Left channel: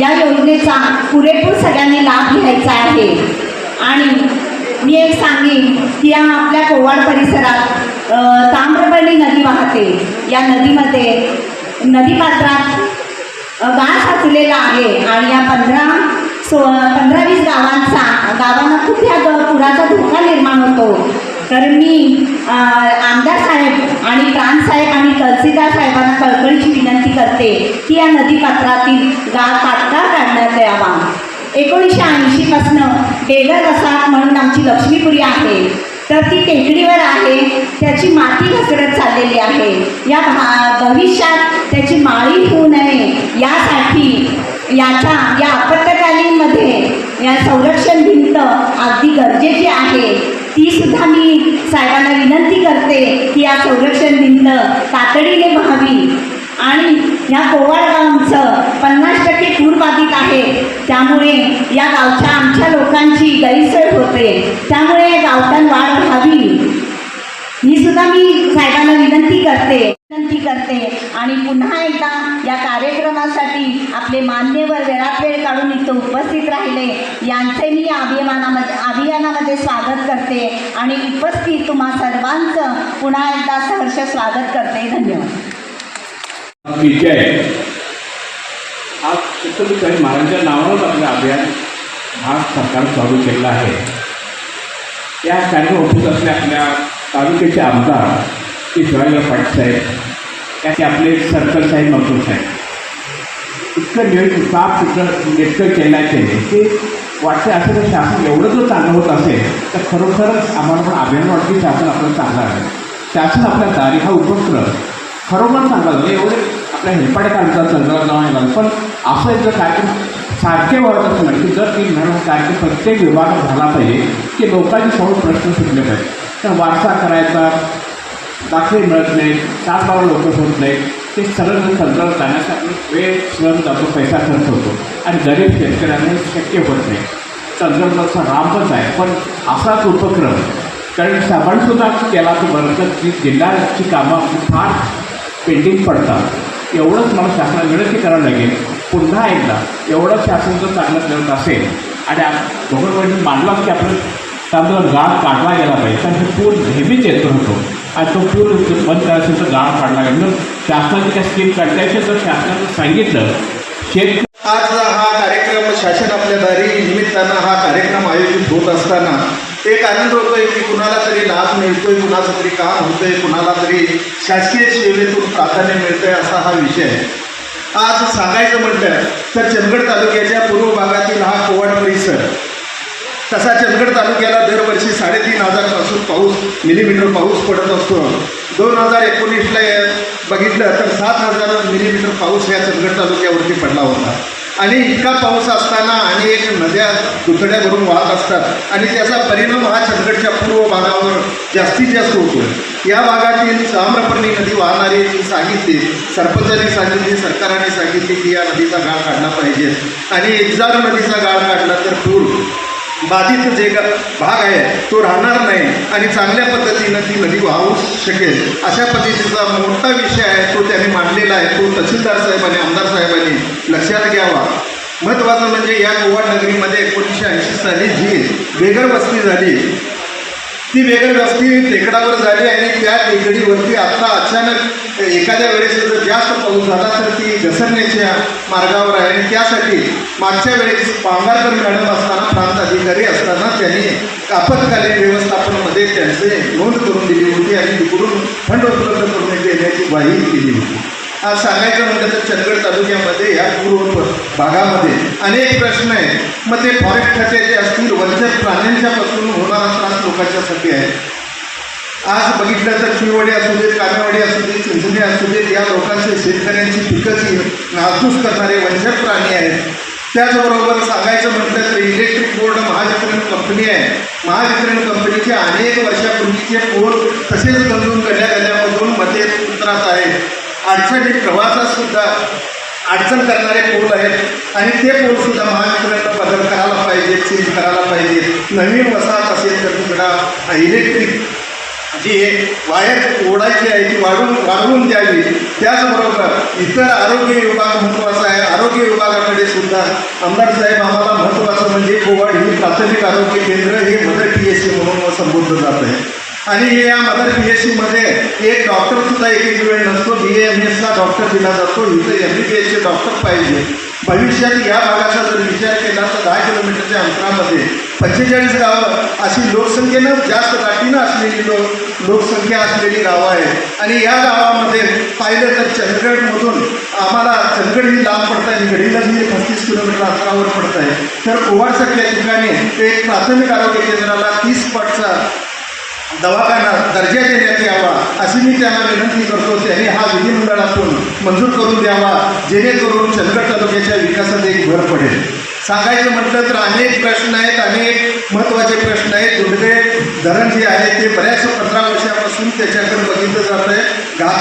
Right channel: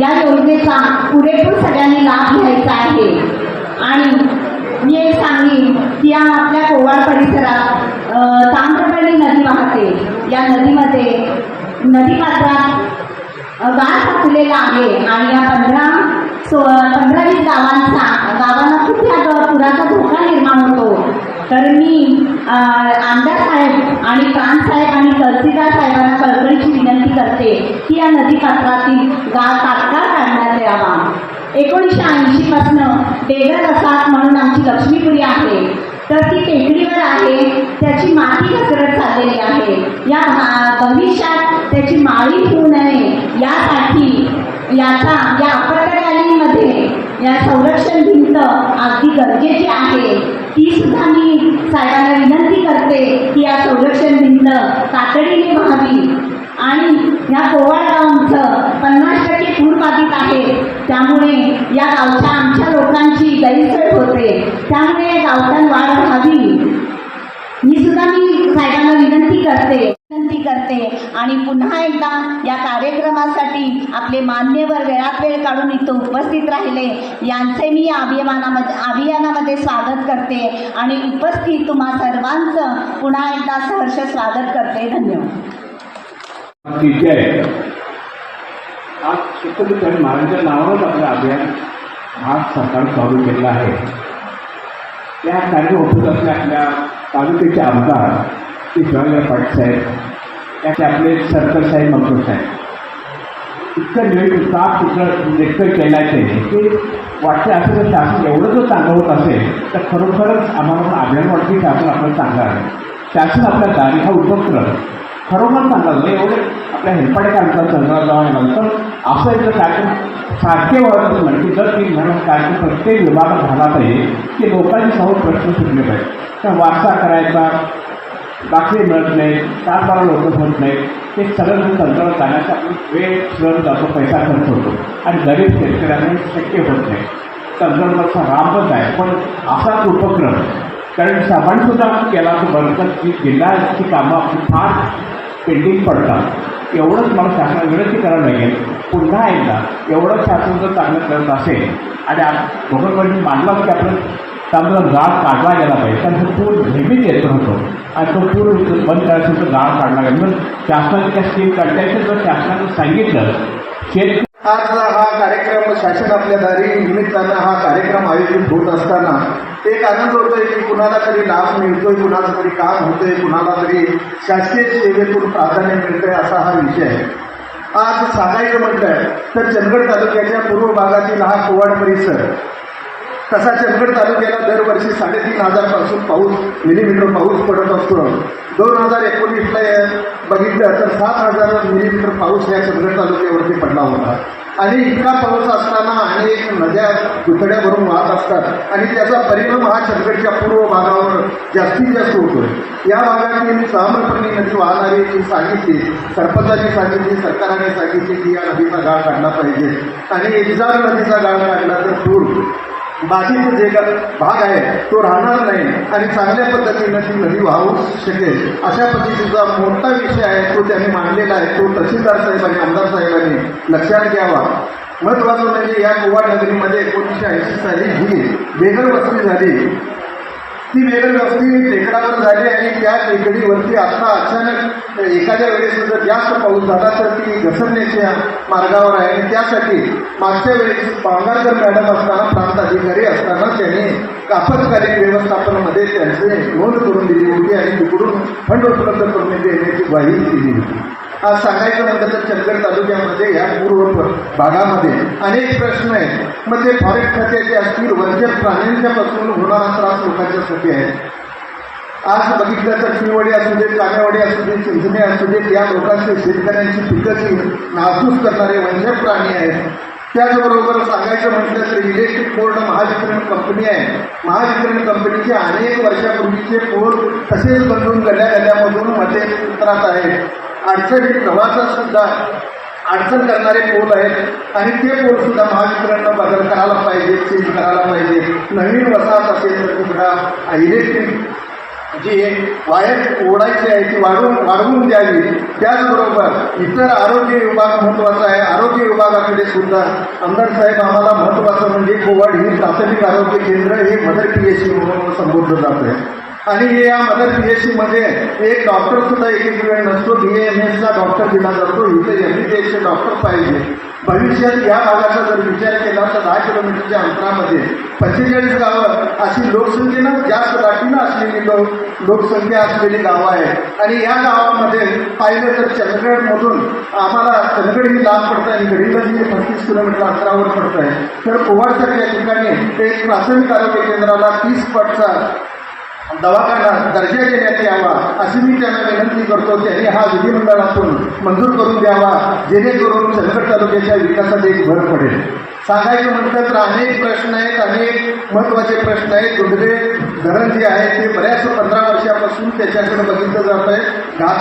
या योजनेचा पुरेपूर सगळ्यांनी लाभ घ्यायचा आहे. आणि मी एक सांगेन की या आपल्या कोवाड परिसरात ताम्रपर्णी नदी वाहते. या नदीमध्ये नदीपात्रात गाळ साचलेला आहे आणि या पंधरा सो पंधरा वीस गावांचा गावांना खूप या ग- पुराचा धोका निर्माण होतो. तर मी आमदार साहेब आणि प्रांतसाहेब आणि तहसीलदार साहेबांना कळकळीची विनंती करते की या नदीपात्रातील गाव तात्काळ काढण्यात यावा. एकोणीसशे ऐंशीपासनं बेगर वसाहत म्हणून आमची लक्ष्मीपुरी आहे. तर ती टेकडीवर आहे. त्याची माती घसरत चाललेली आहे. या भा भविष्यात त्याची माळी होऊ नये. यासाठी याचा या मध्ये या संरक्षण भिंत अगदी गरजेची आहे. ती सुद्धा मी साहेबांना विनंती करते की या संरक्षण भिंत तातडीने व्हावी. आणि या कोवाड गावचं पन्नास टक्के पूरबाधित आहे. त्यामुळे या गावच्या आमच्या लोकांची गैरसोय होते. त्यामुळे या गावठाण वाढ व्हावी. ही सुद्धा मी साहेबांना विनंती करते विनंती करते. आणि पुन्हा एकदा या कार्यक्रमास आपले मान्यवर वेळात वेळ काढून इथं उपस्थित राहिले. यांचे मी या अभियानामध्ये अभियानामध्ये स्वागत करते. आणि उपस्थित तुम्हा सर्वांचं पुन्हा एकदा सहर्ष स्वागत करते. धन्यवाद. विजय आज छत्रपती शिवाजी महाराजांच्या नावानंच आपलं अभियान भारत सरकार चालू केलेलं आहे. या कार्यक्रम होत असल्या आपल्या तालुक्याचे आमदार ते शिवाजीराव पाटील साहेब त्याचे आपले सर्कल साहेब मंजूर साहेब. इतकं नियोजन साफ सुद्धा इतकं केलं आहे ते वाटते असं जर शासन एवढं जर चांगलं होत असेल तर खरोखरच आम्हाला पण अभियान वाटते शासन आपलं चांगलं आहे. शासन आपल्या दारी हा उपक्रम खरोखर चांगला झाला. एवढे आपल्या हेलपाडे काढतात चंद्रावर जाऊन येणार पण असं एक जर कार्यक्रम सारखे वाढत असणार की दर तीन महिन्यात कार्यक्रम प्रत्येक विभागात झाला पाहिजे की लोकांचे समोर प्रश्न सुटले पाहिजे. तर वारसा करायचा दाखले मिळत नाही चार बारा लोक होत नाहीत. ते सरळ तंत्रावर जाण्याचा वेळ श्रम जातो पैसा खर्च होतो. आणि गरीब शेतकऱ्यांना शक्य होत नाही. तंत्रज्ञानाचा रामच आहे पण असाच उपक्रम. कारण सामानसुद्धा केला तर बरं तर जी जिल्ह्याची कामं आपली फार पेंडिंग पडतात. एवढंच मला शासनाला विनंती करावं लागेल पुन्हा एकदा एवढं शासन जर चांगलं करत असेल आणि दोघांमध्ये मांडलं की आपण त्यामुळं गाळ काढला गेला पाहिजे कारण तो पूर नेहमीच येत होतो आणि तो पूर बंद करायचं तर गाळ काढला आहे मग शासनाची त्या स्कीम काढता तर शासनानं सांगितलं शेत आज हा कार्यक्रम शासन आपल्या दारी निमित्तानं हा कार्यक्रम आयोजित होत असताना एक आनंद होतोय की कुणाला तरी लाभ मिळतोय कुणाचं तरी काम होतंय कुणाला तरी शासकीय सेवेतून प्राधान्य मिळतंय असा हा विषय आहे. आज सांगायचं म्हटलं तर चंदगड तालुक्याच्या पूर्व भागातील हा कोवाड परिसर तसा चंदगड तालुक्याला दरवर्षी साडेतीन हजारपासून पाऊस मिलीमीटर पाऊस पडत असतो. दोन हजार एकोणीसला बघितलं तर सात हजार मिलीमीटर पाऊस या चंदगड तालुक्यावरती पडला होता. आणि इतका पाऊस असताना अनेक नद्या दुतड्या भरून वाहत असतात. आणि त्याचा परिणाम हा चंदगडच्या पूर्व भागावर जास्तीत जास्त होतो आहे या भागातील साम्रपर्णी नदी वाहणारी जी सांगितली सरपंचांनी सांगितली सरकारने सांगितली की या नदीचा गाळ काढला पाहिजे. आणि एकजार नदीचा गाळ काढला तर पूर बाधित जे भाग आहे तो राहणार नाही आणि चांगल्या पद्धतीनं ती नदी वाहू शकेल. अशा पद्धतीचा मोठा विषय आहे तो त्याने मांडलेला आहे. तो तहसीलदार साहेबांनी आमदार साहेबांनी लक्षात घ्यावा. महत्त्वाचं म्हणजे या गोवा नगरीमध्ये एकोणीसशे ऐंशी साली जी बेघर वस्ती झाली. ती वेगळी वस्ती टेकडावर झाली आणि त्या टेकडीवरती आता अचानक एखाद्या वेळेस जर जास्त पाऊस झाला तर ती घसरण्याच्या मार्गावर आहे. आणि त्यासाठी मागच्या वेळेस पांगारकर मॅडम असताना प्रांत अधिकारी असताना त्यांनी आपत्कालीन व्यवस्थापनामध्ये त्यांचे नोंद करून दिली होती आणि तिकडून फंड उपलब्ध करून देण्याची ग्वाही केली होती. आज सांगायचं म्हटलं तर चंदगड तालुक्यामध्ये या पूर्व भागामध्ये अनेक प्रश्न आहेत. मग ते फॉरेस्ट खात्याचे असतील वंचित प्राण्यांच्या पासून होणारा त्रास लोकांच्यासाठी आहे. आज बघितलं तर शिववाडी असू देत कामेवाडी असू देत चिंचणे असू देत या लोकांचे शेतकऱ्यांची पिकंची नासूस करणारे वंचित प्राणी आहेत. त्याचबरोबर सांगायचं म्हटलं तर इलेक्ट्रिक बोर्ड महावितरण कंपनी आहे. महावितरण कंपनीचे अनेक वर्षापूर्वीचे बोर्ड तसेच बंधून गल्या गल्यामधून मध्ये उतरत आहेत. अडचणी प्रवासात सुद्धा अडचण करणारे पोल आहेत. आणि ते पोलसुद्धा महावितरणनं बदल करायला पाहिजे चेंज करायला पाहिजे. नवीन वसाहत असेल तर तुकडा इलेक्ट्रिक जी वायर ओढायची आहे ती वाढवून वाढवून द्यावी. त्याचबरोबर इतर आरोग्य विभाग महत्त्वाचा आहे. आरोग्य विभागाकडे सुद्धा आमदार साहेब आम्हाला महत्त्वाचं म्हणजे कोवाड ही प्राथमिक आरोग्य केंद्र हे मदर पी एस सी म्हणून संबोधलं जातं आहे. आणि हे या मदर पी एस सीमध्ये एक डॉक्टर सुद्धा एक एक वेळ नसतो बी एम एसचा डॉक्टर दिला जातो. इथं एम बी बी एसचे डॉक्टर पाहिजे. भविष्यात या भागाचा जर विचार केला तर दहा किलोमीटरच्या अंतरामध्ये पंचेचाळीस गावं अशी लोकसंख्येनं जास्त दाटीनं असलेली लोक लोकसंख्या असलेली गावं आहेत. आणि या गावामध्ये पाहिलं तर चंदगडमधून आम्हाला चंदगड ही लांब पडत आहे गडीला ही पस्तीस किलोमीटर अंतरावर पडत आहे तर कोवाडसारख्या ठिकाणी एक प्राथमिक आरोग्य केंद्राला तीस पटचा दवाखाना दर्जा देण्यात यावा अशी मी त्यांना विनंती करतो. त्यांनी हा विधिमंडळातून मंजूर करून द्यावा जेणेकरून चंदगड तालुक्याच्या विकासात एक भर पडेल. सांगायचं म्हटलं तर अनेक प्रश्न आहेत अनेक महत्त्वाचे प्रश्न आहेत. दुर्गे धरण जे आहे ते बऱ्याच पंधरा वर्षापासून त्याच्याकडे बघितलं जात आहे गा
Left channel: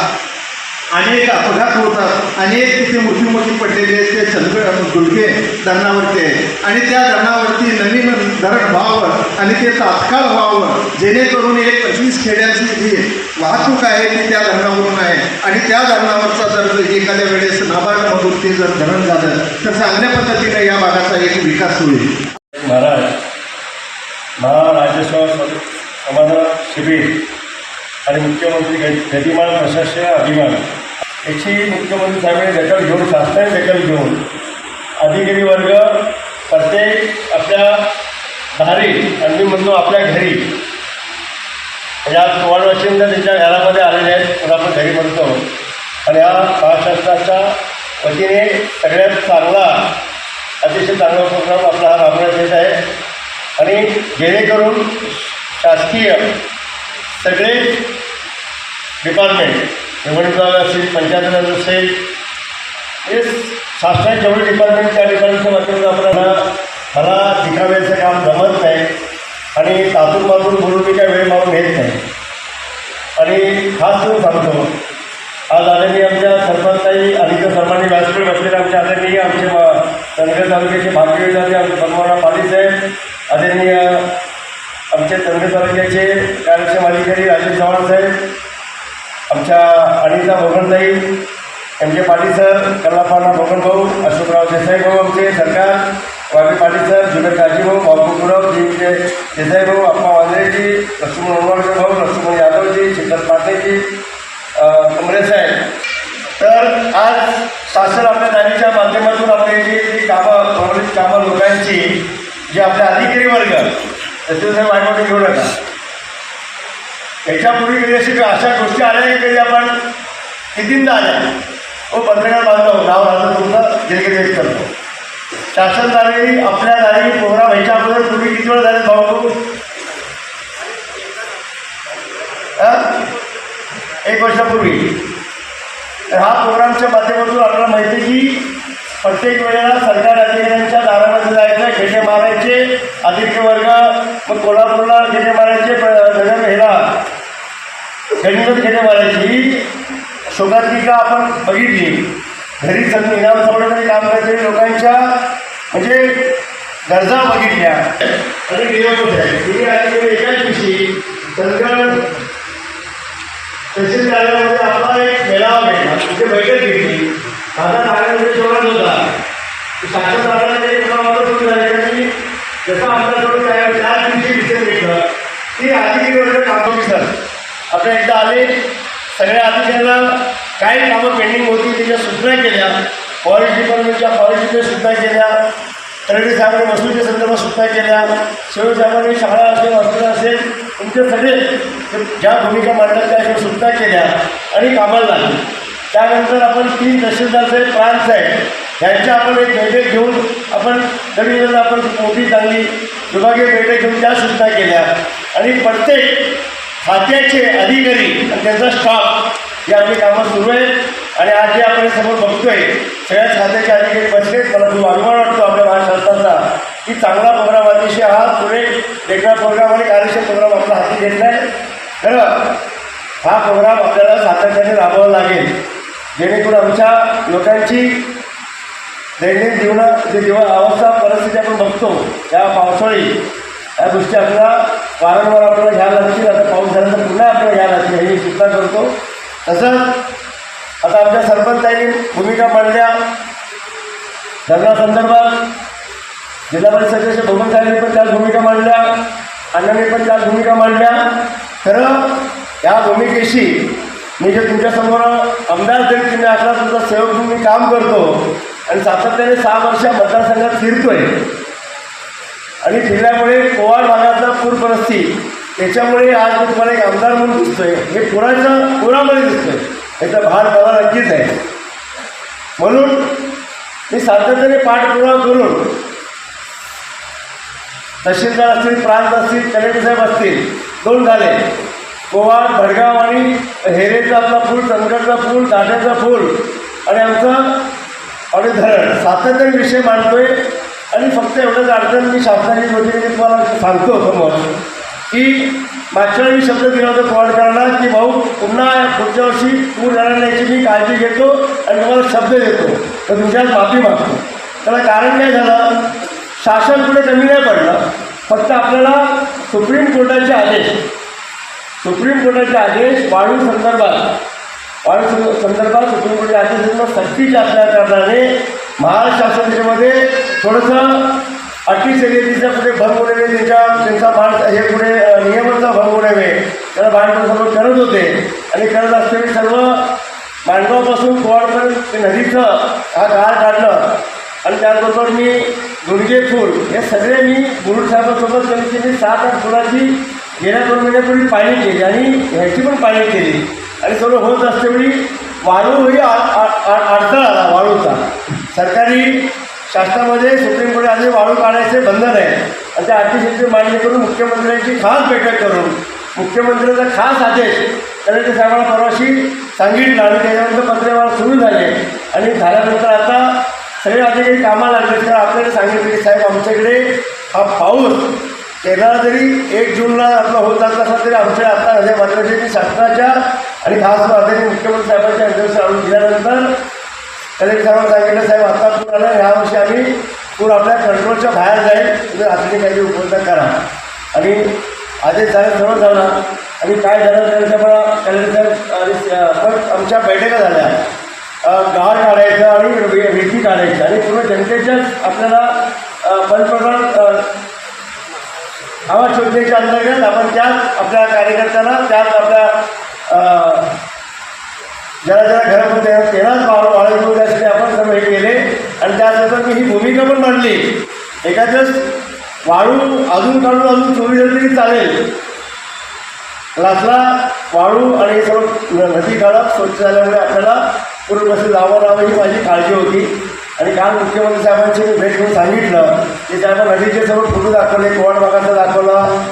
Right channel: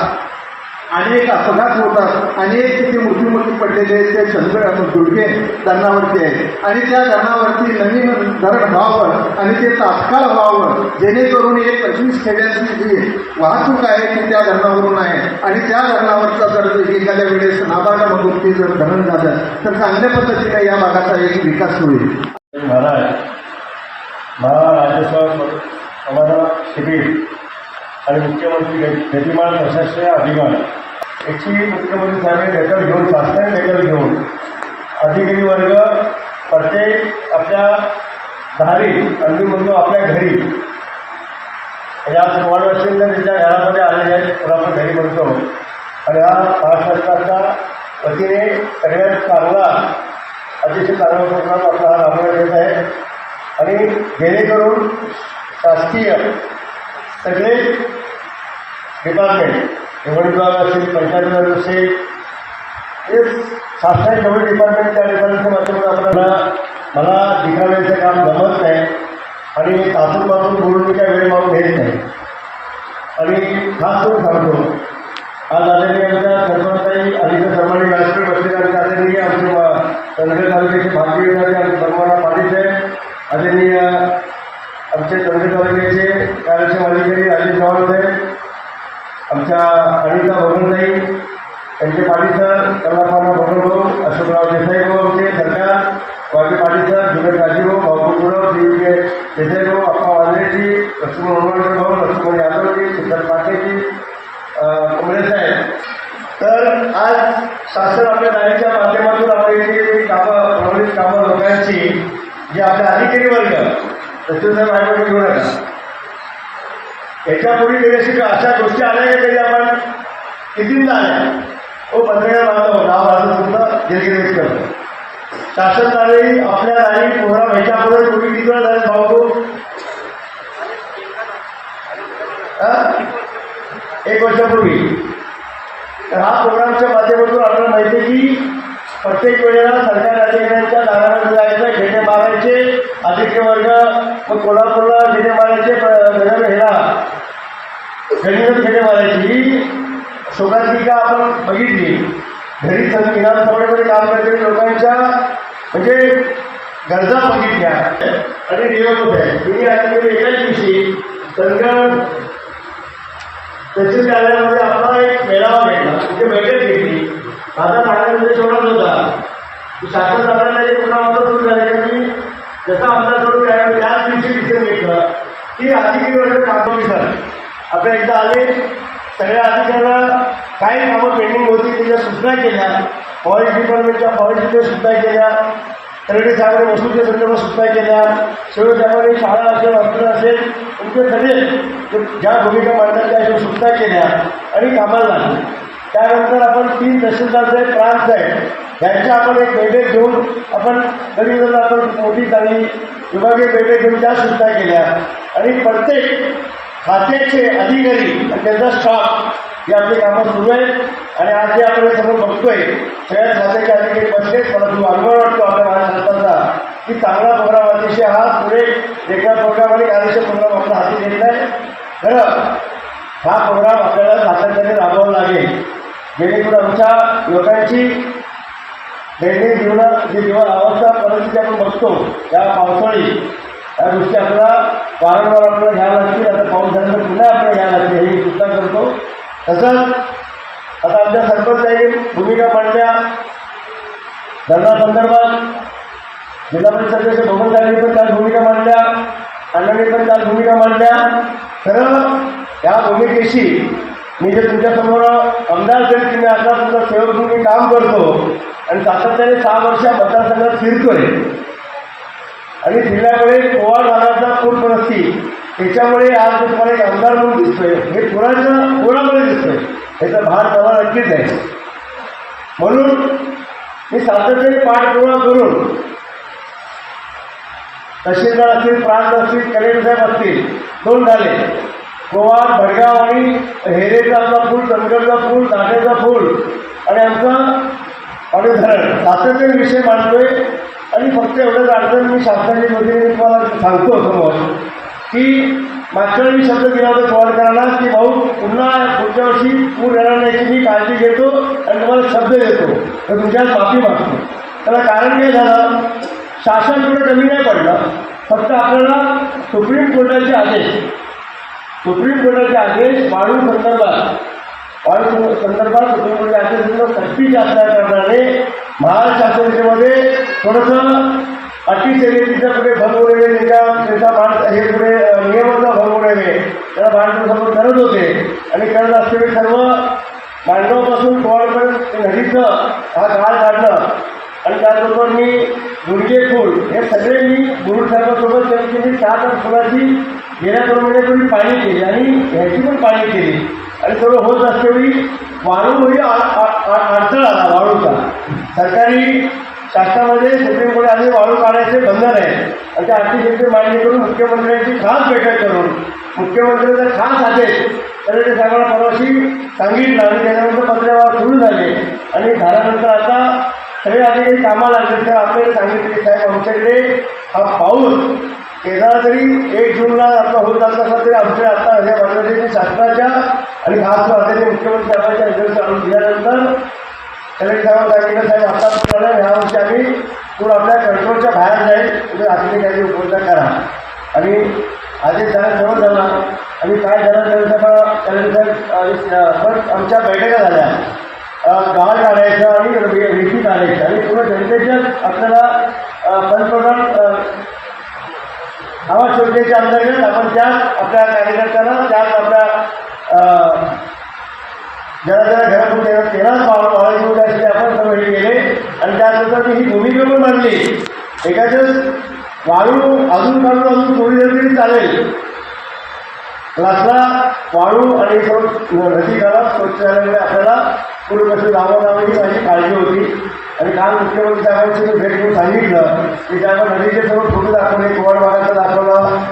अनेक अपघात होतात. अनेक तिथे मृत्यूमुखी पडलेले आहेत. ते चंद्र दुर्गे धरणावरती आहेत. आणि त्या धरणावरती नवीन धरण व्हावं आणि ते तात्काळ व्हावं. जेणेकरून एक पंचवीस खेड्यांची जी वाहतूक आहे ती त्या धरणावरून आहे. आणि त्या धरणावरचा जर एखाद्या वेळेस नाबार्डामधून ते जर धरण झालं तर चांगल्या पद्धतीने या भागाचा एक विकास होईल. महाराज महाराजेश्वर समाधान शिबिर. आणि मुख्यमंत्री गतिमान प्रशासकीय अभिमान. याची मुख्यमंत्री साहेबांनी दखल घेऊन शासनाने दखल घेऊन अधिकारी वर्ग प्रत्येक आपल्या दारी आणि म्हणतो आपल्या घरी या आज वाशिंद त्यांच्या घरामध्ये आलेले आहेत पण आपण घरी म्हणतो. आणि हा महाराष्ट्राच्या वतीने सगळ्यात चांगला अतिशय चांगला प्रोग्राम आपला हा राबवण्यात येत आहे. आणि जेणेकरून शासकीय सगळे डिपार्टमेंट निवडणूक विभाग असेल पंचायत राज असेल हे शासनाचे जेवढे डिपार्टमेंट त्या डिपार्टमेंटच्या माध्यमातून आपल्याला मला दिखाव्याचं काम जमत नाही आणि तातून बोलून मी काय वेळ मागून घेत नाही. आणि खास करून सांगतो आज आदरणीय आमच्या सरपंचताई अधिक सर्वांनी व्यासपीठ बसलेले आमच्या आदरणीय आमचे मा- चंद्रगड तालुक्याचे भारतीय विधाते आमचे बनवाडा पाटील साहेब आदरणीय आमचे चंद्रगड तालुक्याचे कार्यक्षम अधिकारी राजेश चव्हाण साहेब आमच्या अनिता भोगणताई यांचे पाटील सर कल्लापाना भोगण भाऊ देसाई भाऊ आमचे सरकार वाघे पाटील सर जुने काजी भाऊ जीवचे देसाई भाऊ अप्पा वांद्रेजी लक्ष्मण उनवडकर भाऊ लक्ष्मण यादवजी चिंतन पाटेजी काँग्रेस साहेब. तर आज शासन आपल्या दारीच्या माध्यमातून आपल्या जी जी कामं प्रभावित कामं लोकांची जे आपले अधिकारी वर्ग तसे साहेब माझ्याकडे घेऊ नका. याच्यापूर्वी कधी अशी अशा गोष्टी आल्या की कधी आपण कितींदा आल्या? हो पत्रकार बांधव नाव राहतो तुमचं जे करतो आपल्या दारी प्रोग्राम व्हायच्या अगोदर पूर्वी किती वेळा झाले भाऊ एक वर्षापूर्वी. तर हा प्रोग्रामच्या माध्यमातून आपल्याला माहिती आहे की प्रत्येक वेळेला सरकार अधिकाऱ्यांच्या दारामध्ये जायचं खेटे मारायचे आदित्य वर्ग मग कोल्हापूरला खेटे मारायचे नगर हेला गणित खेटे मारायची. ही शोकात्मिका आपण बघितली. घरी सं इनाम संघटनेमध्ये काम करणाऱ्या लोकांच्या म्हणजे गरजा बघितल्या. आणि नियम होते तिने अधिकारी एकाच विषयी. संगणक तहसील कार्यालयामध्ये आपला एक मेळावा घेतला तिथे बैठक घेतली. माझा सांगण्यामध्ये सोडत होता. साखर दादाने मला पुन्हा होऊन सुरू झालं का मी जसं आमचा थोडं काय त्याच दिवशी डिसिजन घेतलं. की अधिकारी वर्ग काम सर आपल्या एकदा आले. सगळ्या अधिकाऱ्यांना काही कामं पेंडिंग होती त्याच्या सूचना केल्या. फॉरेस्ट डिपार्टमेंटच्या फॉरेस्टच्या सूचना केल्या. तळेटे साहेबांनी वस्तूच्या संदर्भात सूचना केल्या. शिव साहेबांनी शाळा असेल हॉस्पिटल असेल तुमचे सगळे ज्या भूमिका मांडतात त्या हिशोबाने सूचना केल्या आणि कामाला लागली. त्यानंतर आपण तीन तहसीलदार साहेब प्रांत साहेब यांच्या आपण एक बैठक घेऊन आपण तरी आपण मोठी चांगली विभागीय बैठक घेऊन त्या सूचना केल्या. आणि प्रत्येक खात्याचे अधिकारी आणि त्यांचा स्टाफ हे आपली कामं सुरू आहेत. आणि आज जे आपण समोर बघतोय सगळ्याच खात्याचे अधिकारी बसलेच मला खूप अभिमान वाटतो आपल्या महाराष्ट्राचा. की चांगला प्रोग्राम अतिशय हा पुढे वेगळा प्रोग्राम आणि कार्यक्षम प्रोग्राम आपला हाती घेतला आहे खरं हा प्रोग्राम आपल्याला सातत्याने राबवावा लागेल. जेणेकरून आमच्या लोकांची दैनंदिन जीवनात जे जीवन अवस्था परिस्थिती आपण बघतो या पावसाळी या गोष्टी आपल्याला वारंवार आपल्याला घ्यायला लागतील. आता पाऊस झाल्यानंतर पुन्हा आपल्याला घ्यायला लागतील हे मी सुद्धा करतो. तसंच आता आमच्या सरपंचांनी भूमिका मांडल्या. धरणासंदर्भात जिल्हा परिषदेच्या धोमन साहेबांनी पण त्याच भूमिका मांडल्या. अण्णांनी पण त्याच भूमिका मांडल्या. खरं या भूमिकेशी मी जे तुमच्यासमोर आमदार जरी तुम्ही असला तुमचा सेवक म्हणून मी काम करतो आणि सातत्याने सहा वर्ष मतदारसंघात फिरतोय. आणि फिरल्यामुळे पोवाड भागाचा पूर परिस्थिती त्याच्यामुळे आज मी तुम्हाला एक आमदार म्हणून दिसतोय. हे कोणाचं कोणामध्ये दिसतोय. याचा भार मला नक्कीच आहे. म्हणून मी सातत्याने पाठपुरावा करून तहसीलदार असतील प्रांत असतील कलेक्टर साहेब असतील दोन झाले. गोवा भडगाव आणि हेरेचा आपला पूल चंदगडचा पूल दाट्याचा पूल आणि आमचं आणि धरण. सातत्याने विषय मांडतोय आणि फक्त एवढंच अडचण मी शासनाची वतीने तुम्हाला सांगतो समोर. की मागच्या वेळी मी शब्द दिला होता पवारकरांना की भाऊ पुन्हा पुढच्या वर्षी पूर येणार नाही मी काळजी घेतो आणि तुम्हाला शब्द देतो. तर तुमच्यात माफी मागतो. त्याला कारण काय झालं? शासन कुठे कमी नाही पडलं. फक्त आपल्याला सुप्रीम कोर्टाचे आदेश सुप्रीम कोर्टाचे आदेश वाढू संदर्भात वाढू संदर्भात सुप्रीम कोर्टाचे आदेश सक्तीच्या असल्या कारणाने महाराष्ट्र शासनामध्ये थोडंसं अटी शर्यतीचा पुढे भंग होऊ नये त्याच्या त्यांचा भारत हे पुढे नियमांचा भंग होऊ नये त्याला भारत सर्व करत होते. आणि करत असलेले सर्व मांडवापासून कोवाडपर्यंत ते नदीचं हा काळ काढलं. आणि त्याचबरोबर मी गुडघे फूल हे सगळे मी गुरु साहेबांसोबत कमीत सात आठ फुलाची गेल्या दोन महिन्यापूर्वी पाणी केली आणि ह्याची पण पाणी केली. आणि सर्व होत असतेवेळी वाळू ही अडथळा आला वाळूचा सरकारी शासनामध्ये सुप्रीम कोर्ट आधी वाळू काढायचे बंधन आहे. आणि त्या अटीशेची मान्य करून मुख्यमंत्र्यांची खास बैठक करून मुख्यमंत्र्यांचा खास आदेश कलेक्टर साहेबांना परवाशी सांगितलं आणि त्याच्यानंतर पत्रव्यवहार सुरू झाले. आणि झाल्यानंतर आता सगळे अधिकारी कामाला लागले तर आपल्याला सांगितले की साहेब आमच्याकडे हा पाऊस केरळा जरी एक जूनला आपला होत जात असला तरी आमच्या आता ह्या बदलाची शासनाच्या आणि खास आदेश मुख्यमंत्री साहेबांच्या अध्यक्ष आणून दिल्यानंतर कलेक्टर साहेबांना सांगितलं साहेब आता पूर्ण ह्या वर्षी आम्ही पूर आपल्या कंट्रोलच्या बाहेर जाईल. म्हणजे तुम्ही रात्री काही उपलब्ध करा. आणि आदेश साहेब सर्व झाला. आणि काय झालं तरी पण कलेक्टर साहेब आमच्या बैठका झाल्या. गाळ काढायचं आणि रेती काढायची. आणि पूर्ण जनतेच्याच आपल्याला पंतप्रधान आवाज योजनेच्या अंतर्गत आपण त्याच आपल्या कार्यकर्त्यांना त्याच आपल्या जरा ज्याला ज्याला घरातून त्यांना तेलाच वाळ वाळायचं त्यासाठी आपण सर्व हे केले आणि त्यानंतर मी ही भूमिका पण मांडली एखादंच वाळू अजून काढून अजून चोरी झाली तरी चालेल. लासला वाळू आणि न- नदी काढा स्वच्छ झाल्यामुळे आपल्याला पूर्वग्रस्त जावं लावं ही माझी काळजी होती. आणि काल मुख्यमंत्री साहेबांची मी भेट घेऊन सांगितलं की त्यामुळे नदीचे सर्व फोटो दाखवले कोवाड भागाचा दाखवला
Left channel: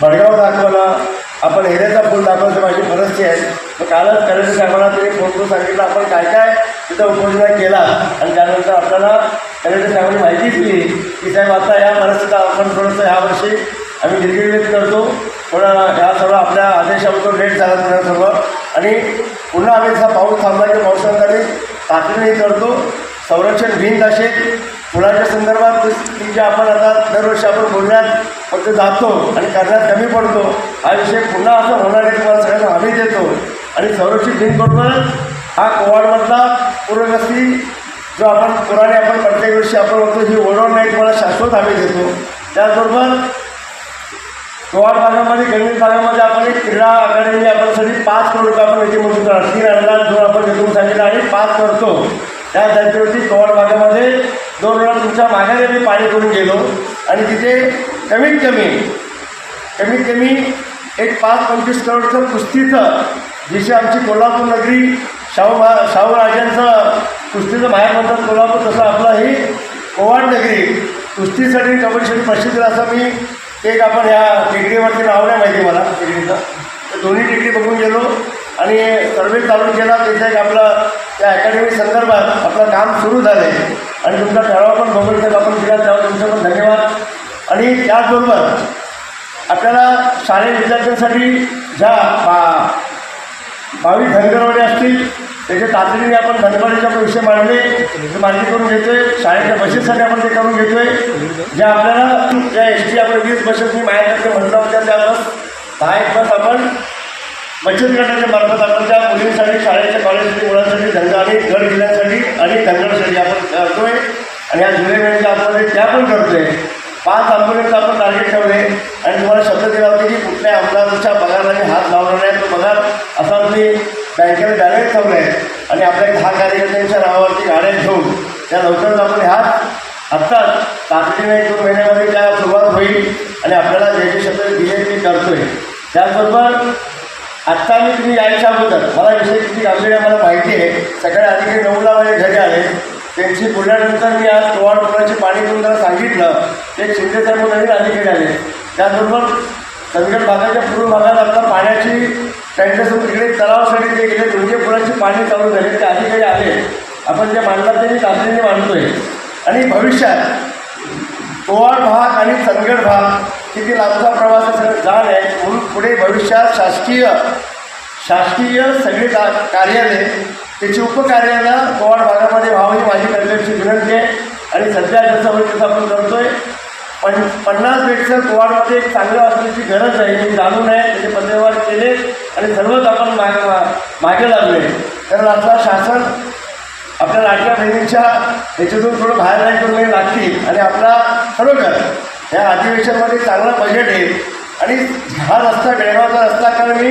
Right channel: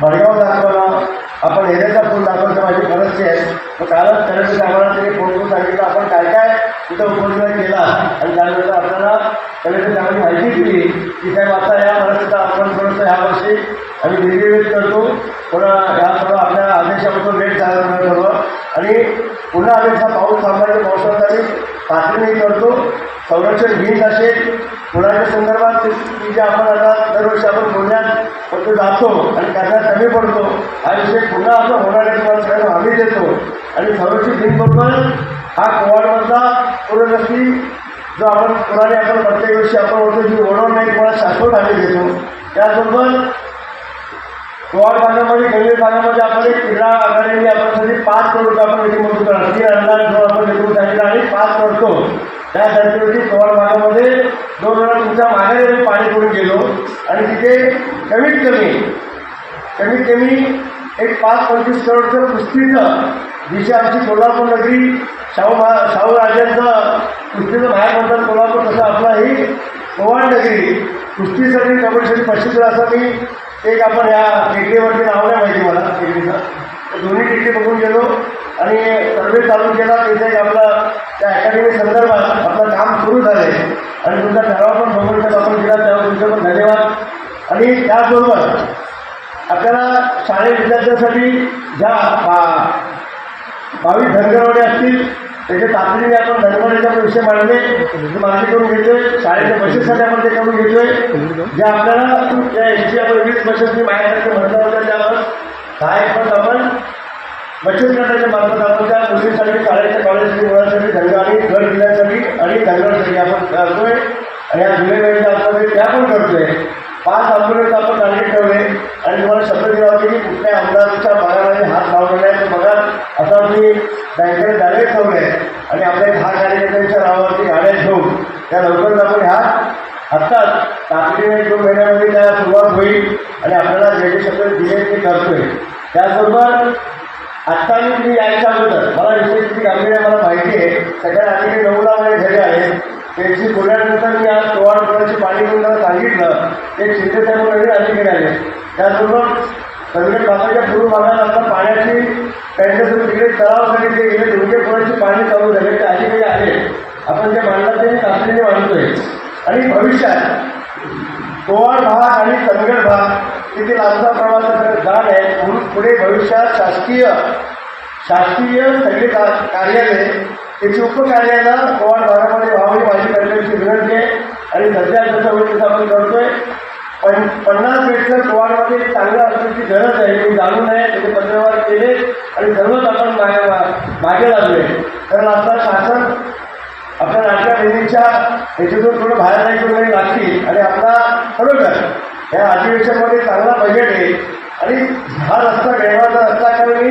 भडगाव दाखवला. आपण हेऱ्याचा फुल तर माझी परिस्थिती आहेत मग कालच कलेक्टर साहेबांना ते फोन करून सांगितलं आपण काय काय तिथं उपोषणा केला. आणि त्यानंतर आपल्याला कलेक्टर साहेबांनी माहिती दिली. की साहेब आता या परिस्थितीचा आपण थोडंसं ह्या वर्षी आम्ही निर्गित करतो. पण ह्या सर्व आपल्या आदेशाबद्दल लेट झाला थोडं सर्व. आणि पुन्हा आम्ही जसा पाऊस थांबला की पावसामध्ये तातडीने करतो. संरक्षण भिंत असेल फुलाच्या संदर्भात ती की जे आपण आता दरवर्षी आपण बोलण्यात फक्त जातो आणि करण्यात कमी पडतो हा विषय पुन्हा असं होणार आहे तुम्हाला सगळ्यांना हमी देतो. आणि संरक्षित भिंतबरोबर हा कोवाडमधला पूरग्रस्ती जो आपण कुराने आपण प्रत्येक वर्षी आपण होतो जी ओढवून नाही तुम्हाला शाश्वत आम्ही देतो. त्याचबरोबर गोवाड भागामध्ये गणित भागामध्ये आपण एक क्रीडा अकादमी आपल्यासाठी पाच करोड रुपये आपण इथे मंजूर करणार. तीन अनुदान दोन आपण निघून सांगितलं आणि पाच करतो त्या धर्तीवरती गोवाड भागामध्ये दोन वेळा तुमच्या माघारी आम्ही पाणी करून गेलो. आणि तिथे कमीत कमी कमीत कमी एक पाच पंचवीस करोडचं कुस्तीचं जिथे आमची कोल्हापूर नगरी शाहू महा शाहू राजांचं कुस्तीचं बाहेर म्हणतात कोल्हापूर तसं आपला ही कोवाड नगरी. कुस्तीसाठी कबड्डीसाठी प्रसिद्ध असं मी एक आपण ह्या टिकडीवरती नाव नाही माहिती मला डिग्रीचं तर दोन्ही डिग्री बघून गेलो आणि सर्वे तालुक्याला केला. एक आपलं त्या अकॅडमी संदर्भात आपलं काम सुरू झालं. आहे आणि तुमचा ठराव पण बघून साहेब आपण दिला त्यावर तुमचं पण धन्यवाद. आणि त्याचबरोबर आपल्याला शालेय विद्यार्थ्यांसाठी ज्या बा बावीस धनगरवाडी असतील त्याच्या तातडीने आपण धनगरवाडीचा पण विषय मांडले ते करून घेतोय. शाळेच्या बसेससाठी आपण ते करून घेतोय. ज्या आपल्याला ज्या एस टी आपण वीस बसेस मी माझ्याकडे म्हटलं होतं त्या आपण. दहा एक बस आपण बचत गटाच्या मार्फत आपण त्या मुलींसाठी शाळेच्या कॉलेजसाठी मुलांसाठी धंदा आणि घर जिल्ह्यासाठी आणि धंद्यासाठी आपण करतोय आणि या जुलै वेळेच्या आतमध्ये त्या पण करतोय. पाच आंबोलीचं आपण टार्गेट ठेवले आणि तुम्हाला शब्द दिला होते की कुठल्या आमदाराच्या पगाराने हात लावला नाही तो पगार असा मी बँकेने बॅलेन्स ठेवलं आहे आणि आपल्या दहा कार्यकर्त्यांच्या नावावरती गाड्या घेऊन त्या लवकरच आपण ह्या आत्ताच तातडीने एक दोन महिन्यामध्ये त्या सुरुवात होईल आणि आपल्याला जे शब्द दिले ते करतोय. त्याचबरोबर आत्ता मी तुम्ही यायच्या अगोदर मला विषय किती गांभीर्य मला माहिती आहे सगळ्या अधिकारी नऊला माझे घरी आले त्यांची बोलल्यानंतर मी आज टोवाड रुपयाची पाणी घेऊन त्यांना सांगितलं ते शिंदे साहेब नवीन अधिकारी आले. त्याचबरोबर संकट भागाच्या पूर्व भागात आता पाण्याची टँकरसमोर तिकडे तलावासाठी ते गेले. दोनशे फुलाची पाणी चालू झाले. ते अधिकारी आले आपण जे मांडला ते मी तातडीने मांडतोय आणि भविष्यात कोवाड भाग आणि चंदगड भाग किती लांबचा प्रवास जाण आहे. म्हणून पुढे भविष्यात शासकीय शासकीय सगळे का कार्यालय त्याची उपकार्याला कोवाड भागामध्ये व्हावी माझी कर्तव्याची विनंती आहे. आणि सध्या त्याचा होईल आपण करतोय पण पन्नास बेडचं कोवाडमध्ये एक चांगलं असण्याची गरज आहे मी जाणून आहे त्याचे पत्रव्यवहार केले आणि सर्वच आपण मागे मागे लागले तर आपला शासन आपल्या लाडक्या बहिणीच्या याच्यातून थोडं बाहेर नाही वेळ लागतील आणि आपला खरोखर या अधिवेशनमध्ये चांगला बजेट आहे. आणि हा रस्ता बेळगावचा रस्ता कारण मी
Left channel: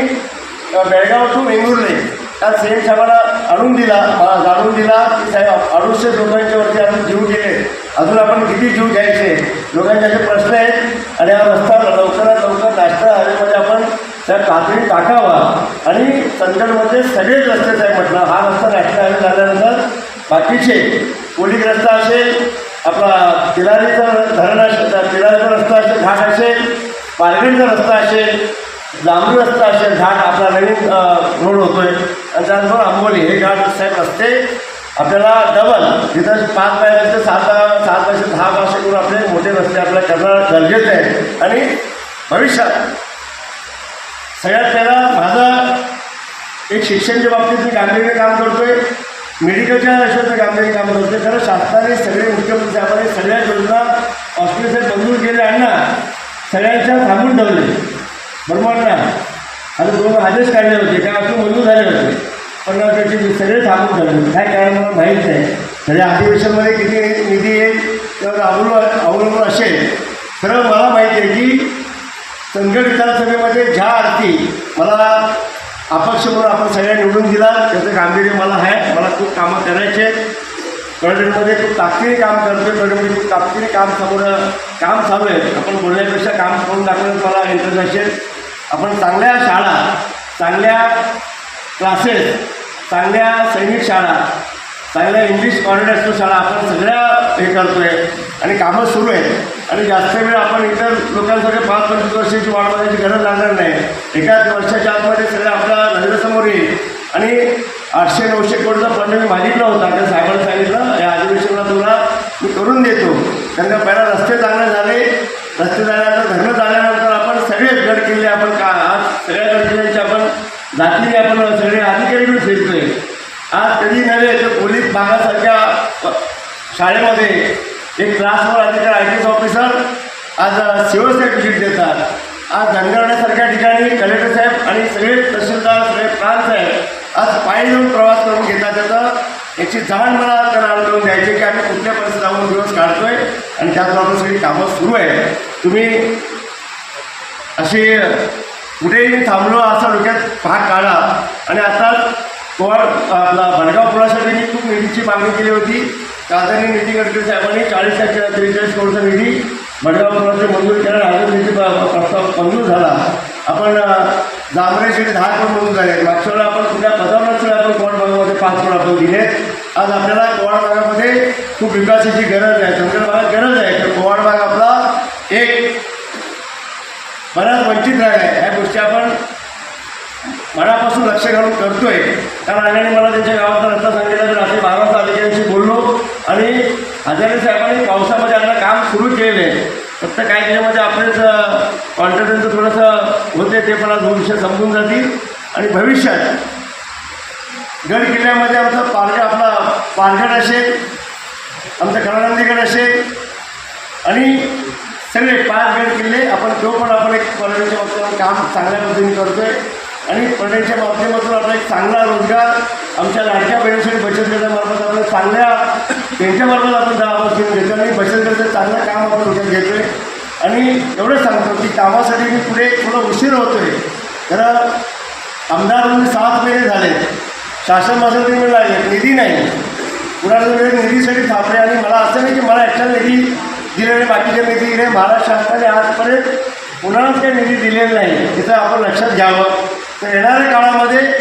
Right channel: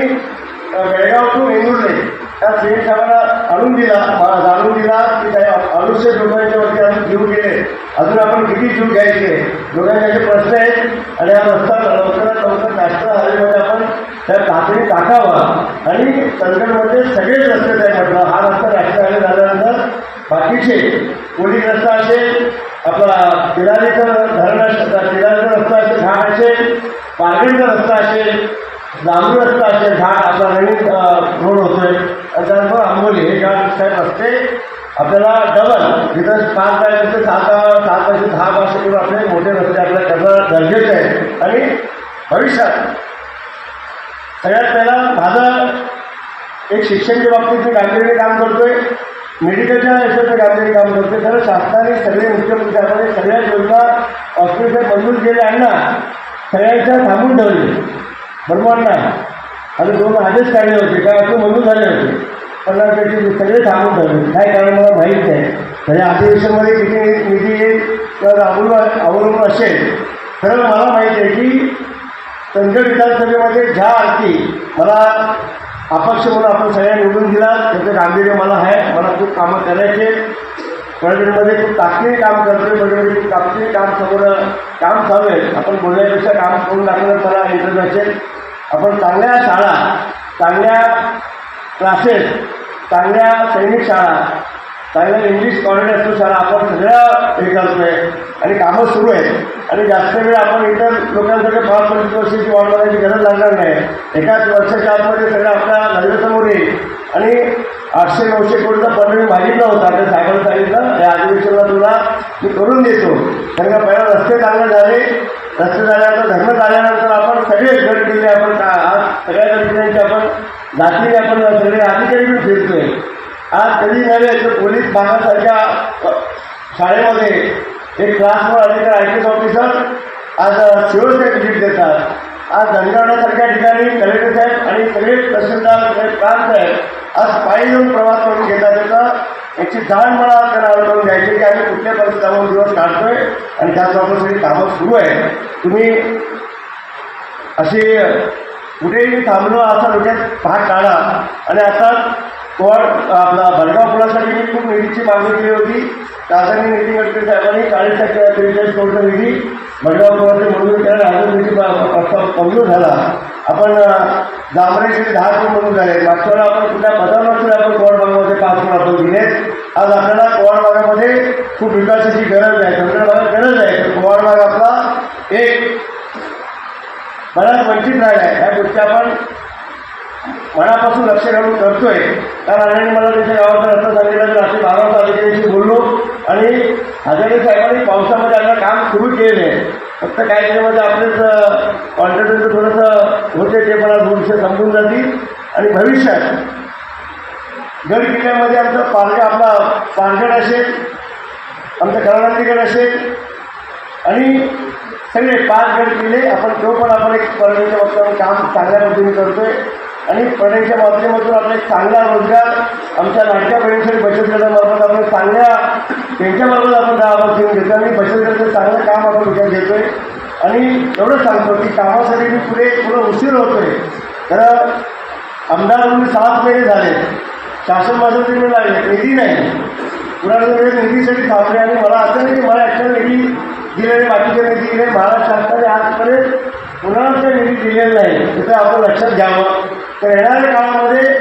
अ, बेळगाव टू वेंगुर्ले त्या सीएम साहेबांना आणून दिला मला जाणून दिला की साहेब अडुसशे लोकांच्या वरती अजून जीव गेले. अजून आपण किती जीव घ्यायचे? लोकांचे असे प्रश्न आहेत. आणि हा रस्ता लवकरात लवकर नॅशनल हायवेमध्ये आपण त्या तातडीने टाकावा. आणि चंदगडमध्ये सगळेच रस्ते साहेब म्हटलं. हा रस्ता नॅशनल हायवे झाल्यानंतर बाकीचे पोलीस रस्ता असेल आपला तिलारीचा धरण असेल तिलारीचा रस्ता असेल घाट असेल पारगणचा रस्ता असेल जांबू रस्ता असेल घाट आपला नवीन रोड होतोय. आणि त्यानंतर आंबोली हे घाट साहेब रस्ते आपल्याला डबल जिथं पाच पाहिजे सात सात बायचे दहा वर्ष करून आपले मोठे रस्ते आपल्याला करणं गरजेचं आहे. आणि भविष्यात सगळ्यात पहिला माझं एक शिक्षणच्या बाबतीत मी गांभीर्याने काम करतोय. मेडिकलच्या याच्यात मी गांभीर्याने काम करतोय. खरं शासनाने सगळे मुख्यमंत्री साहेबांनी सगळ्या योजना हॉस्पिटल मंजूर केले आणि ना सगळ्यांच्या थांबून ठेवले. बरोबर ना? आणि दोन आदेश काढले होते. काय असं मंजूर झाले होते. पण त्याचे सगळे थांबून झाले. काय कारण मला माहीत नाही. तरी अधिवेशनमध्ये किती निधी येईल किंवा अवलंबून अवलंबून असेल खरं मला माहिती आहे की संकट विधानसभेमध्ये ज्या अर्थी मला अपक्ष म्हणून आपण सगळ्या निवडून दिला त्याचं गांभीर्य मला आहे. मला खूप कामं करायचे कळडमध्ये खूप ताकदीने काम करतोय. कळडमध्ये खूप ताकदीने काम समोर काम चालू आहे. आपण बोलण्यापेक्षा काम करून दाखवण्यात मला इंटरेस्ट असेल. आपण चांगल्या शाळा चांगल्या क्लासेस चांगल्या सैनिक शाळा चांगल्या इंग्लिश कॉरिडर शाळा आपण सगळ्या हे करतोय आणि कामं सुरू आहेत. आणि जास्त वेळ आपण इतर लोकांसाठी पाच पंचवीस वर्षाची वाढ बघायची गरज लागणार नाही. एकाच वर्षाच्या आतमध्ये सगळं आपला नजरेसमोर येईल. आणि आठशे नऊशे कोटीचा फंड मी मागितला होता त्या साहेबांना सांगितलं या अधिवेशनाला तुला मी करून देतो. कारण का पहिला रस्ते चांगले झाले. रस्ते झाल्यानंतर धरणं झाल्यानंतर आपण सगळे गड किल्ले आपण का आज सगळ्या गड जातीने आपण सगळे अधिकारी फिरतोय. आज कधी नव्हे तर पोलीस भागासारख्या शाळेमध्ये एक क्लासवर अधिकारी आय टी एस ऑफिसर आज शिवसाहेब भेट देतात. आज धनगरण्यासारख्या ठिकाणी कलेक्टर साहेब आणि सगळे तहसीलदार सगळे प्रांत साहेब आज पायी येऊन प्रवास करून घेतात. त्याचा याची जाण मला त्यांना करून द्यायची की आम्ही कुठल्या परिस्थितीत दिवस काढतोय आणि त्याचबरोबर सगळी कामं सुरू आहे तुम्ही अशी कुठेही थांबलो असा डोक्यात हा काढा आणि आता कोण आपला भडगाव पुलासाठी मी खूप निधीची मागणी केली होती. खासदारांनी निधी गडकरी साहेबांनी चाळीस टक्के त्रेचाळीस करोडचा निधी भडगाव पुलाचं मंजूर केला अजून निधी प्रस्ताव मंजूर झाला. आपण जांभरेचे दहा करोड मंजूर झाले मागच्या वेळेला आपण कुठल्या पदावर आपण कोवाड भागामध्ये पाच करोड आपण दिले आज आपल्याला कोवाड भागामध्ये खूप विकासाची गरज आहे. चंद्र भागात गरज आहे. तर कोवाड भाग आपला एक बऱ्याच वंचित राहिला आहे ह्या गोष्टी आपण मनापासून लक्ष घालून करतोय. त्या अण्णांनी मला त्यांच्या गावाचा रस्ता सांगितला तर असे बारा अधिकाऱ्यांशी बोललो. आणि हजारे साहेबांनी पावसामध्ये आता काम सुरू केलेलं आहे. फक्त काही त्याच्यामध्ये आपलेच कॉन्फिडन्स थोडंसं होते ते पण आज भविष्य समजून जातील. आणि भविष्यात गड किल्ल्यामध्ये आमचं पारगड आपला पारगड असेल आमचं कलानंदीगड असेल. आणि सगळे पाच गड किल्ले आपण तो पण आपण एक पर्यटनच्या काम चांगल्या पद्धतीने करतोय. आणि पर्यटनच्या माध्यमातून आपला एक चांगला रोजगार आमच्या लाडक्या बहिणीसाठी बचत गटामार्फत आपण चांगल्या त्यांच्यामार्फत आपण दहा बसून घेतो आणि बचत गटाचं चांगलं काम आपण उद्या घेतोय. आणि एवढं सांगतो की कामासाठी मी पुढे थोडं उशीर होतोय. तर आमदार म्हणून सात महिने झाले. शासन माझ्यासाठी मी लागले निधी नाही. पुराणे निधीसाठी थांबले आणि मला असं नाही की मला ॲक्शन निधी दिलेली बाकीच्या निधी दिले महाराष्ट्र शासनाने आजपर्यंत कुणालाच काही निधी दिलेला नाही तिथं आपण लक्षात घ्यावं. तर येणाऱ्या काळामध्ये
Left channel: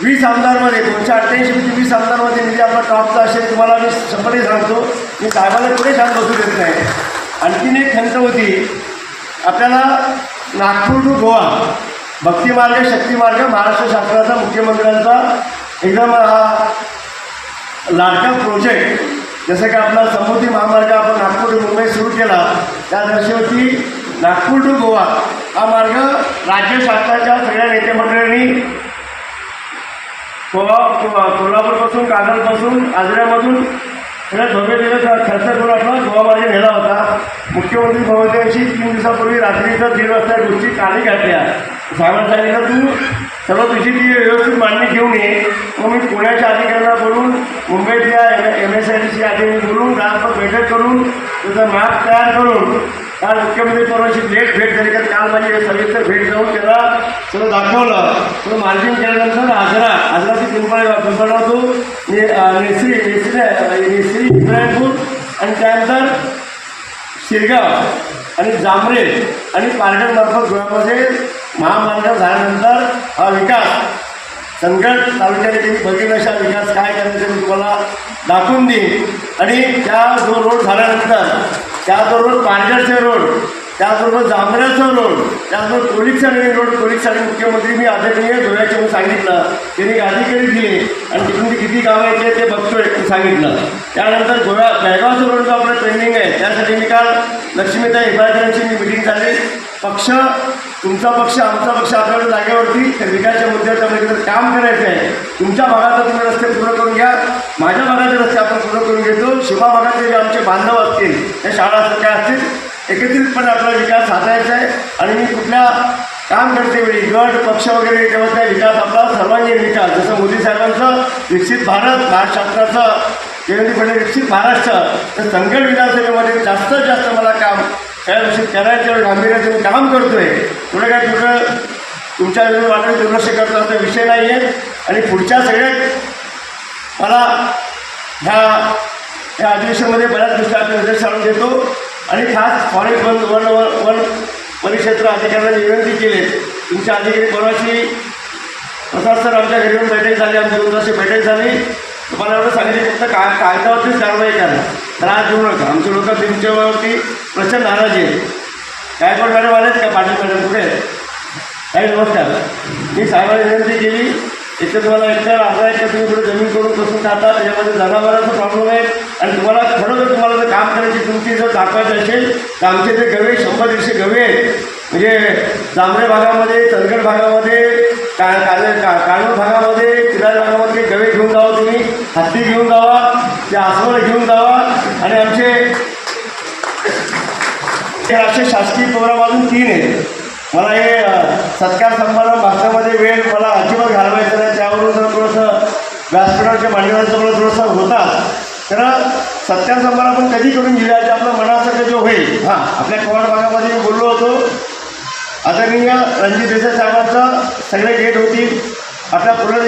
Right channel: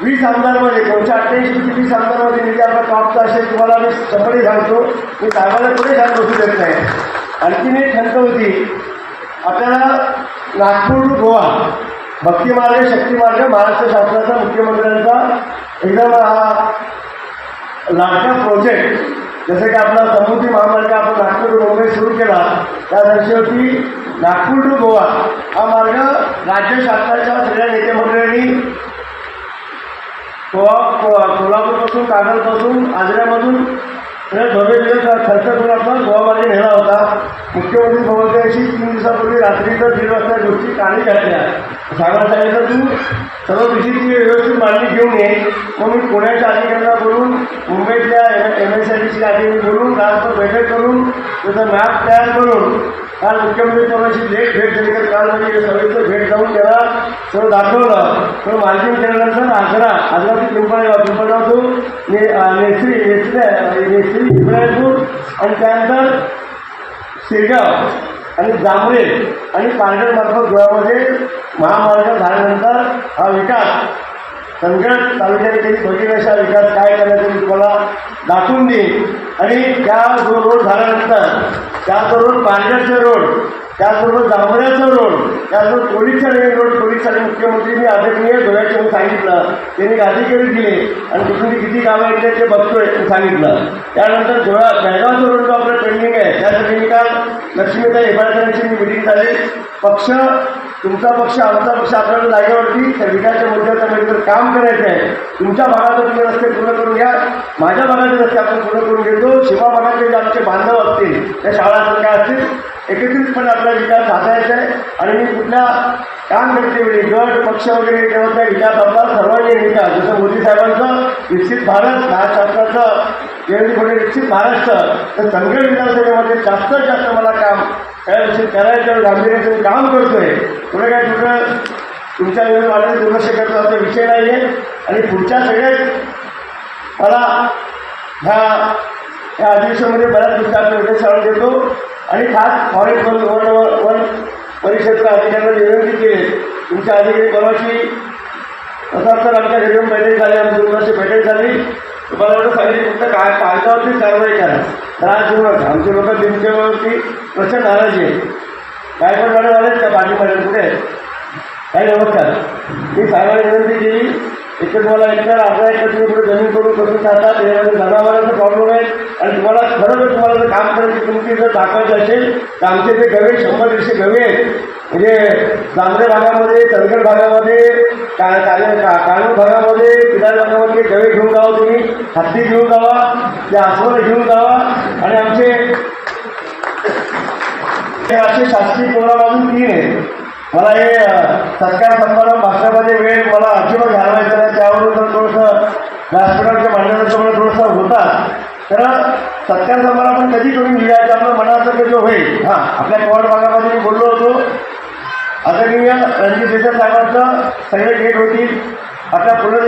वीस आमदारमध्ये दोनशे अठ्ठ्याऐंशी वीस आमदारमध्ये निधी आपला टॉपचा असेल तुम्हाला मी शंभरही सांगतो. मी साहेबाला पुढे छान बसू देत नाही. आणखीन एक खंत होती आपल्याला नागपूर टू गोवा भक्तिमार्ग शक्तिमार्ग महाराष्ट्र शासनाचा मुख्यमंत्र्यांचा एकदम हा लाडका प्रोजेक्ट जसं की आपला समृद्धी महामार्ग आपण नागपूर ते मुंबई सुरू केला त्या दिवशी नागपूर टू गोवा. हा मार्ग राज्य शासनाच्या सगळ्या नेते कोल्हापूरपासून कागलपासून आजऱ्यामधून सगळ्या धोबे दिले खर्च करून आपला गोवा मार्ग नेला होता. मुख्यमंत्री महोदयांशी तीन दिवसापूर्वी रात्रीचं दीड वाजता गोष्टी काळी घातल्या सांगायला सांगितलं तू सर्व दिवशी ती व्यवस्थित मांडणी घेऊन ये. मग मी पुण्याच्या अधिकाऱ्यांना बोलून मुंबईतल्या M S I D C अधिकारी बोलून राजपथ बैठक करून त्याचा मॅप तयार करून काल मुख्यमंत्री परवाची भेट भेट झाली तर काल माझी सविस्तर भेट जाऊन त्याला सगळं दाखवलं. सगळं मार्जिन केल्यानंतर आजरा आजराची पिंपळे पिंपळा तो नेसरी नेसरी नेसरी आणि त्यानंतर शिरगाव आणि जांभरे आणि पारगडमार्फत गोव्यामध्ये महामार्ग झाल्यानंतर हा विकास संगड तालुक्याने त्यांनी बघितलं विकास काय करायचं मी तुम्हाला दाखवून देईन. आणि त्या जो रोड झाल्यानंतर त्या जो रोड रोड त्याचबरोबर जांभऱ्याचा रोड त्याचबरोबर पोलीसचा रोड पोलीससाठी मुख्यमंत्री मी आदरणीय गोव्याचे म्हणून सांगितलं. त्यांनी अधिकारी दिले. आणि तिथून ते किती कामं येते ते बघतोय सांगितलं. त्यानंतर धुळा बेळगावचा रोड जो आपलं पेंडिंग आहे त्यासाठी मी काल लक्ष्मीताई हेबाळकरांची मी मिटिंग झाली. पक्ष तुमचा पक्ष आमचा पक्ष आपल्याला जागेवरती त्या विकासच्या मुद्द्याच्या मध्ये जर काम करायचं आहे. तुमच्या भागात तुम्ही रस्ते पूर्ण करून घ्या. माझ्या भागाचे रस्ते आपण पूर्ण करून घेतो. शिवा भागातले जे आमचे बांधव असतील त्या शाळा असतील काय असतील एकत्रितपणे आपला विकास साधायचा आहे. आणि मी कुठल्या काम करते वेळी गट पक्ष वगैरे तेव्हा त्या विकास आपला सर्वांगीण विकास जसं मोदी साहेबांचं विकसित भारत महाराष्ट्राचं शासनाचं देवेंद्र फडणवीस विकसित महाराष्ट्र तर संकट विधानसभेमध्ये जास्तीत जास्त मला काम त्या विषयी करायचं गांभीर्याचं काम करतोय. पुढे काय तुझं तुमच्या विरोध वाटत दुर्लक्ष करतो असा विषय नाही आहे आणि पुढच्या सगळ्यात मला ह्या ह्या अधिवेशनामध्ये बऱ्याच गोष्टी आपण निर्देश आणून देतो. आणि खास फॉरेस्ट वन वन वन परिक्षेत्र अधिकाऱ्यांना विनंती केली. तुमच्या अधिकारी परवाची प्रसाद सर आमच्या घरी येऊन बैठक झाली आमच्या दोन वर्षी बैठक झाली. तुम्हाला एवढं सांगितलं फक्त काय कायद्यावरतीच कारवाई करा त्रास देऊ नका आमचे लोक तुमच्यावरती प्रचंड नाराजी आहे. काय पण मॅडम आलेत का पाटील कुठे? आहेत? काय नमस्कार मी साहेबांना विनंती केली इथे तुम्हाला एकतर आपला एक तुम्ही पुढे जमीन करून बसून जातात त्याच्यामध्ये जनावरांचा प्रॉब्लेम आहे. आणि तुम्हाला खरोखर तुम्हाला जर काम करायची तुमची जर दाखवायचं असेल तर आमचे जे गवे शंभर दीडशे गवे आहेत म्हणजे जांभरे भागामध्ये चंदगड भागामध्ये का काले का काळूर भागामध्ये किनार भागामध्ये गवे घेऊन जावा तुम्ही हत्ती घेऊन जावा त्या आसवलं घेऊन जावा आणि आमचे हे असे शासकीय प्रोग्राम अजून तीन आहेत. मला हे सत्कार समारंभ भाषणामध्ये वेळ मला अजिबात घालवायचा नाही त्यावरून जर थोडंसं व्यासपीठाच्या मांडण्याचं मला थोडंसं होता तर सत्कार समारंभ आपण कधी करून घेऊया आपलं मनासारखं जो होईल. हां आपल्या कोवाड भागामध्ये मी बोललो होतो. आदरणीय रणजित देसाई साहेबांचं सगळे गेट होतील. आपल्या पु ल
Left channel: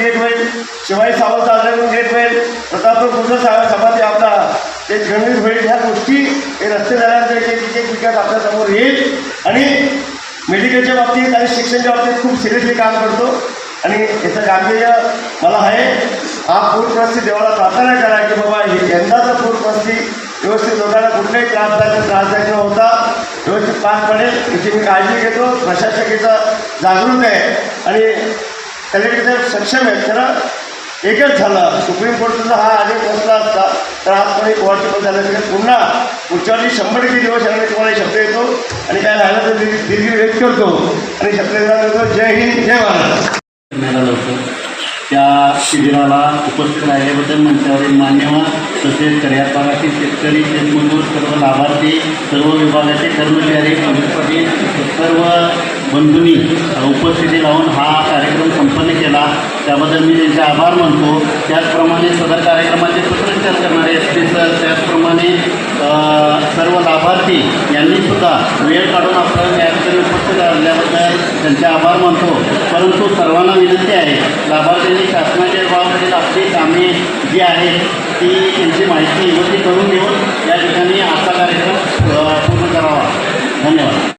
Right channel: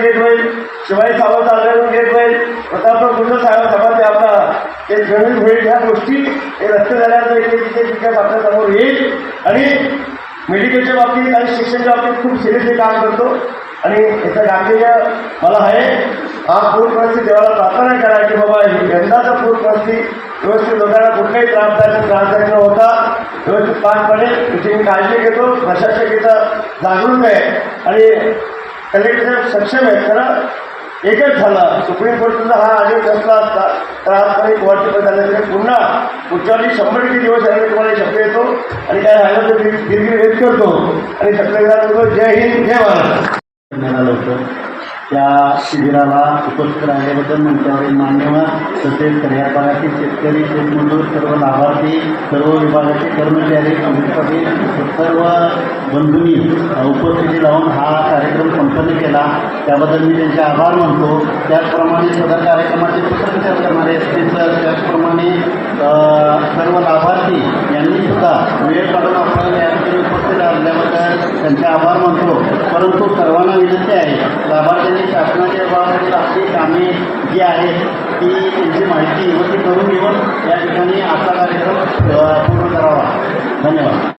गेट होईल. शिवाजी सावंत आदरण गेट होईल. प्रतापराव कुंड साहेब सभाचे आपला ते गणित होईल. ह्या गोष्टी हे रस्ते झाल्यानंतर एक एक विकास आपल्यासमोर येईल. आणि मेडिकलच्या बाबतीत आणि शिक्षणाच्या बाबतीत खूप सिरियसली काम करतो. आणि याचं गांभीर्य मला आहे. हा पूर परिस्थिती देवाला प्रार्थना करा की बाबा यंदाचा पूर परिस्थिती व्यवस्थित लोकांना कुठलाही त्रासदायक त्रासदायक न होता. व्यवस्थित पार पडेल याची मी काळजी घेतो. प्रशासकीचा जागृत आहे. आणि कलेक्टर सक्षम आहेत. खरं एकच झालं. सुप्रीम कोर्टाचा हा आदेश नसला असता तर आजपर्यंत कोर्टचे झालं. तरी पुन्हा पुढच्या वर्षी शंभर टक्के दिवस यामध्ये तुम्हाला शब्द येतो आणि काय राहिलं तर दीर्घ व्यक्त करतो. आणि शब्द देतो जय हिंद जय महाराज त्या शिबिराला उपस्थित राहिल्याबद्दल मंचावरील मान्यवर तसेच करियापागातील शेतकरी शेतमजूर सर्व लाभार्थी सर्व विभागाचे कर्मचारी पोलीस पाटील सर्व बंधूंनी उपस्थिती लावून हा कार्यक्रम संपन्न केला. त्याबद्दल मी त्यांचे आभार मानतो. त्याचप्रमाणे सदर कार्यक्रमाचे सूत्रसंचार करणारे एस सर त्याचप्रमाणे सर्व लाभार्थी यांनी सुद्धा वेळ काढून आपल्याला या ठिकाणी उपस्थित राहिल्याबद्दल त्यांचे आभार मानतो. परंतु सर्वांना विनंती आहे लाभार्थ्यांनी शासनाच्या विभागातील आपली कामे जी आहेत ती त्यांची माहिती व ती करून घेऊन या ठिकाणी आजचा कार्यक्रम पूर्ण करावा. धन्यवाद.